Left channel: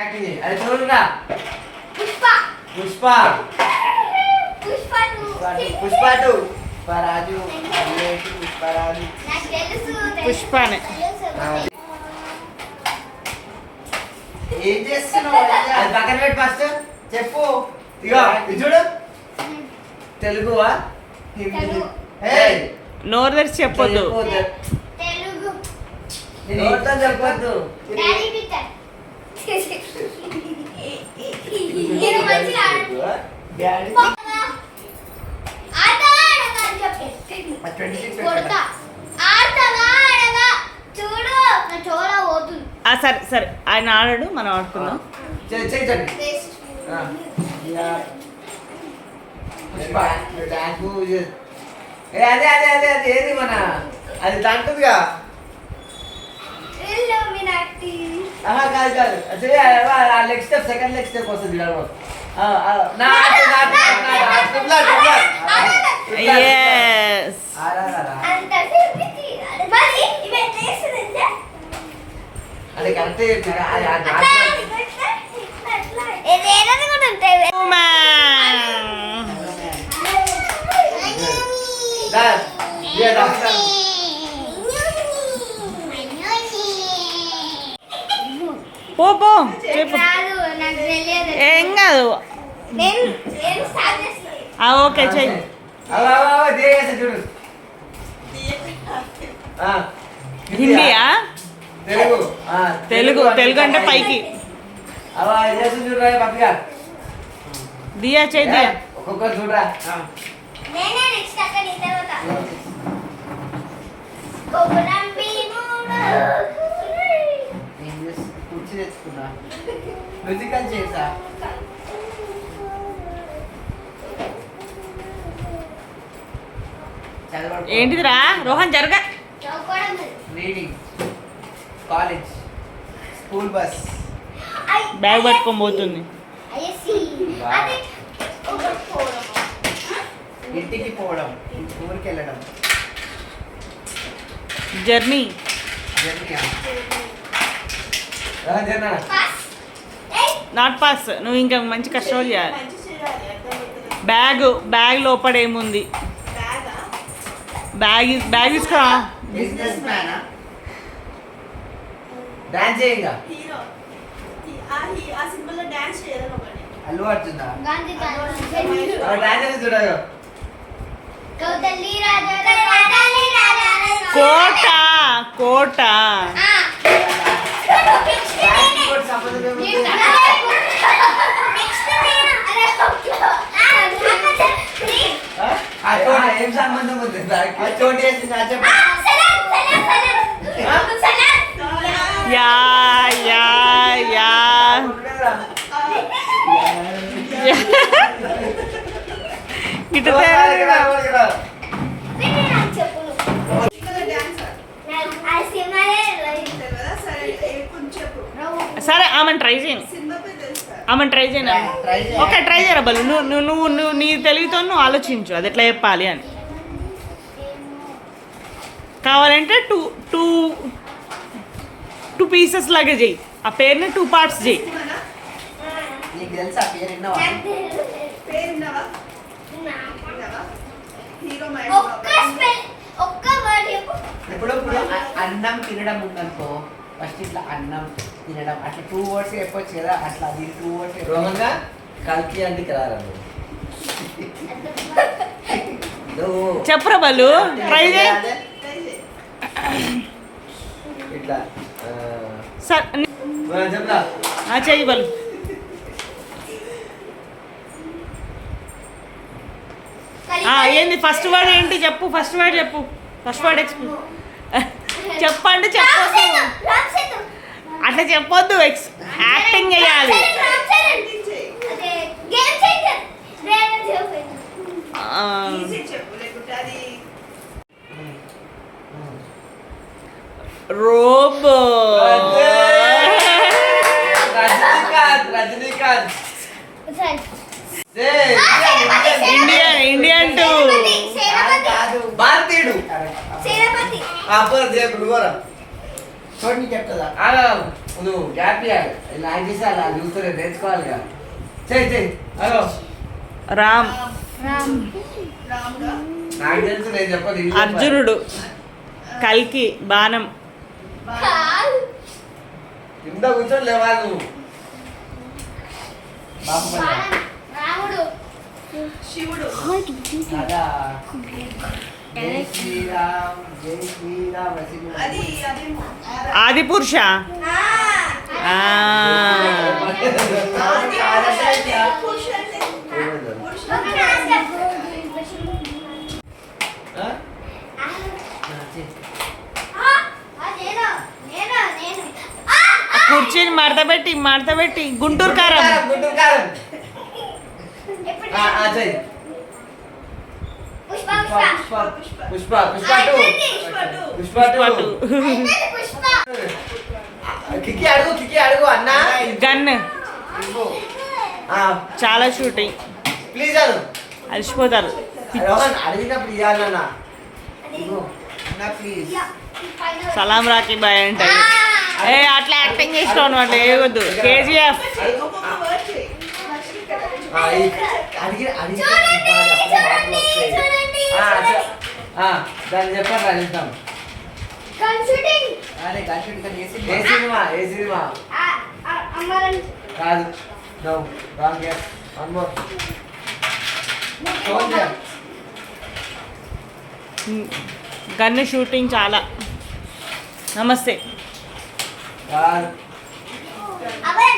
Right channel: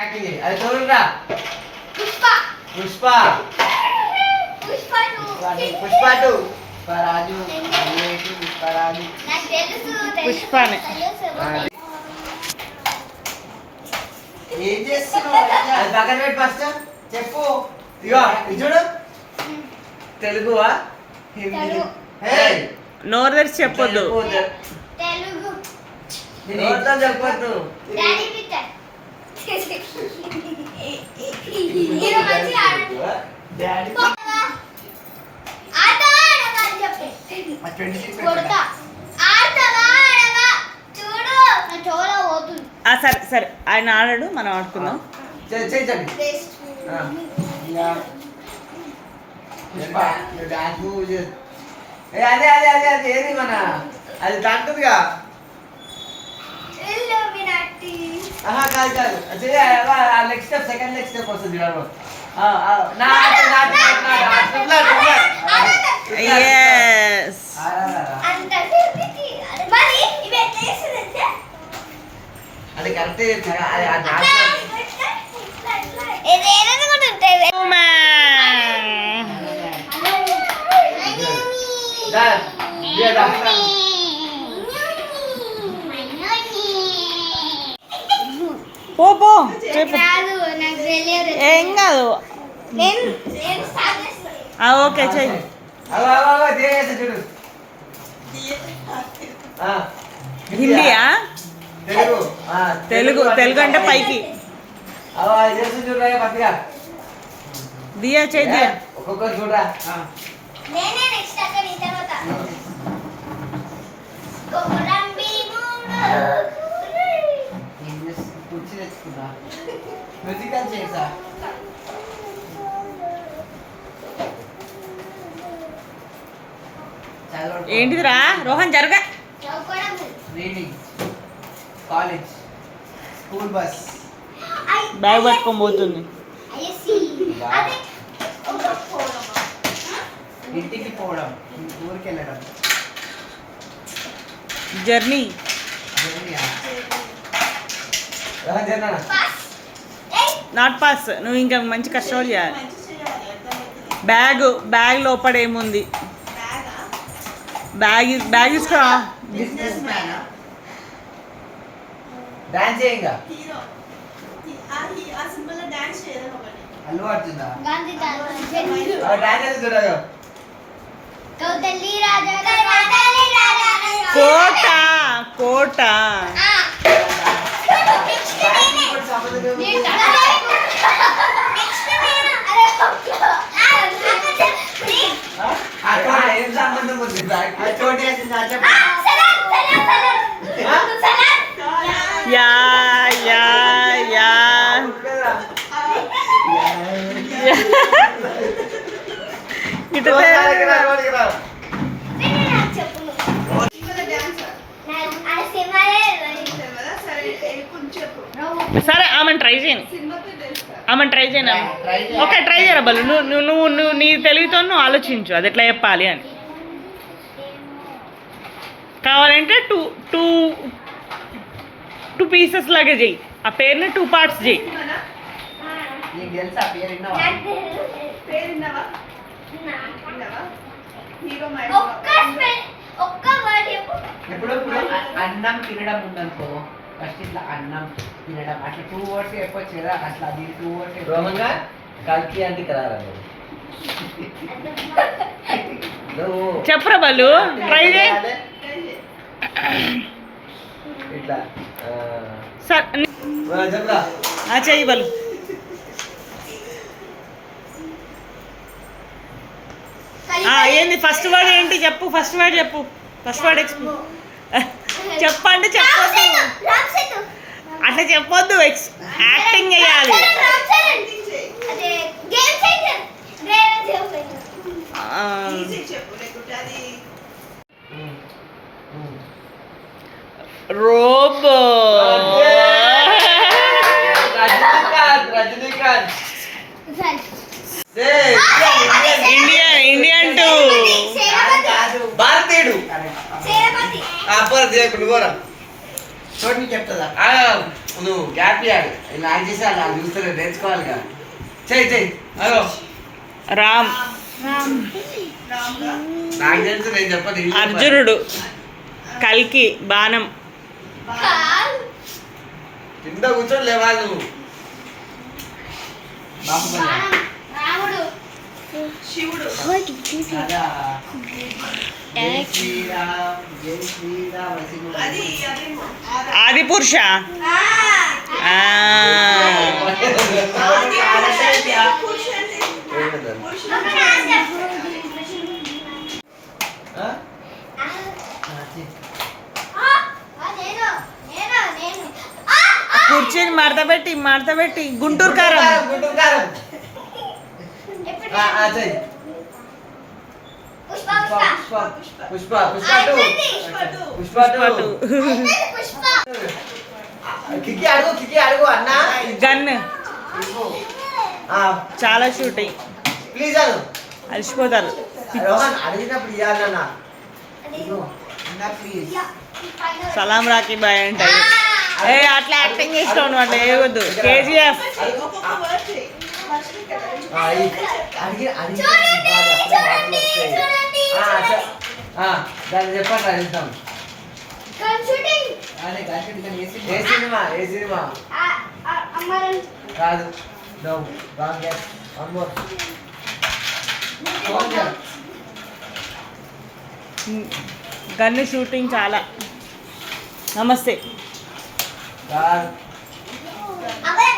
అది చూడరా పుష్ప పుష్ప పుష్ప పుష్ప పుష్పరాజు పుష్పరాజు నాకు తెలుసు పుష్పనే. ఏం చేస్తున్నావు అది పక్కన పెట్టి ఫస్ట్ చెప్పు ఇగో ఇది చూడు తెలుగువా హిందీ తెలుగు. హే నోరు తెరిచి చెప్పొద్దు. తెలుగు నోట్లో చెప్పొద్దు డాడీ పిక్చర్ మీరు మంచిగా డాడీ ఆడతావా ఆడగా అని చెప్పు కొడతా ఆడతావా ఆడగా చూడు నా చోల పోతుంది సరే సరే, ఆయన ఆడాడు, మనం ఆడుకుందాం. చేయండి టేస్ట్ పుష్ప డాన్స్ అదే అదే అదే అదే ఏది మన అది తంటుందిగా ఇల్లుమినాటి ఆహా కాదు కాదు next step second next step వస్తుంది చూడాలి Yes. అంత చెప్పితి మరి ఇవే చేస్తుందంటే అది కరెక్ట్ ఏదేదో కూడా ఉంటాయి పో పో చెప్పు. రాదు నాకు తెలియదు ఏం కాదు. నేను స్టార్ట్ చేస్తాను ఓకే చెయ్యి. చూడు హిందీయా? తెలుగు తెలుగు తెలుగు అంటే పైకి. చూడరా పక్కగా దియా చెయ్యి దియా. ఒక్కొక్కరు చూడరా నేనే నెక్స్ట్ అక్కడ ఈ తర్వాత గోపురం భీముడు కుర్చీ తెచ్చుకున్నా మ్యూజికల్ చేసా ఏంటిదిరా రోహన్ జరగ. చౌకోడం reading college school bus bag పట్టుకొని పోతుంది. ఐసి అదే ఒక ఫోరం ఇంటికి పోవడం ఊరికి వెళ్ళడం జర్నీ. పాస్ ఏయ్ నాట్ పాస్. నువ్వు ఇంకా మంచి కష్టపడి చేయాలి. బ్యాగ్ లోపల ఏముంది? బ్యాగ్ తీసుకురా. బిజినెస్ మ్యానా డాన్స్ చేయంగా అల్లు అర్జున్ గాంధీ డాన్స్ చేసి చూడగా కౌతల్లి రాజా కౌతల్లి రాజా కోట కోట. ఏం సంబంధం ఉంది చోటు చేసింది యా యా యా. ఇటు సరే ఆమెను ట్రై చేయను. ఆమెను ట్రై చేయను. ఓకే ట్రై చేయరా బలు. నువ్వు నువ్వు నువ్వు నీ తెలివితో నువ్వు ఆలోచించు అది ఎట్లా చెప్పాలి అని. కావాలంటే టూ టూ టూ పీసెస్ లాగే చెయ్యి. ఆ పేరుని 2 పార్ట్స్ చెయ్యి. నీకు తెలుసా పేరు విన్నావా ఒక్క వర్డ్ చెప్పు ఎప్పుడప్పుడు అన్నం తినడం ఉందనుకో ఫస్ట్ ఇట్లా అన్నం తినడం అట్లా 2 వర్డ్స్ చెప్పొచ్చు కదా అట్లా అది 2 వర్డ్స్ రోహంగా కల్కి అంటే కదా చెప్పురా బలు ట్రై చేయి. ఇట్లా సరే చెప్తా చెయ్యి బలు. ఏంది ఫస్ట్ వర్డ్ ఏంటి చెప్పు. ఫస్ట్ వర్డ్ చెప్పు. ఫస్ట్ వర్డ్ చెప్పండి. చెప్పొద్దు అట్లా చెప్పొద్దు. యాక్టింగ్ చేయాలి. రోబో రజనీకాంత్ ఇండియన్ టూ భారతీయుడు చోటు చెప్తుందా నువ్వు గ్యాప్ ఇవ్వాలి ఇలా యాక్ట్ చేసి అలా చూస్తారు నేర్చుకోవాలిగా చెయ్యి అదో రామ్ నాకు తెలుసు నేను చెప్పదు అర్జునుడు కల్కి బాణం కింద కూర్చొని లేవాలి నువ్వు బాహుబలి రాముడు అదా జై శ్రీరామ్ జై శ్రీరామ్ ఆది పురుష ఆ. కుర్చీని మడతపెట్టి గుంటూరు కారం గుంటూరు కారం చెయ్యి పుష్ప పుష్ప పుష్ప పట్టు కిక్కి అడుగు అన్నా గన్ చాలా షూటింగ్ ప్లీజ్ అను అలసిపోతారు రోహన్ అడిగినప్పుడు ఇవ్వాలన్నా ప్లీజ్ సలాం రాకీ బాయ్ అంటే ఏ అట్లా యాక్టింగ్ ఇస్తాను అంటే ఏవద్దు కేజీఎఫ్ దాన్ని చెప్పండి అడుగుతాం షూటింగ్ ఏ సినిమా అమరన్ కాదు no wrong guess one more soldier gun shooting చాలా నమస్తే కాదు అబే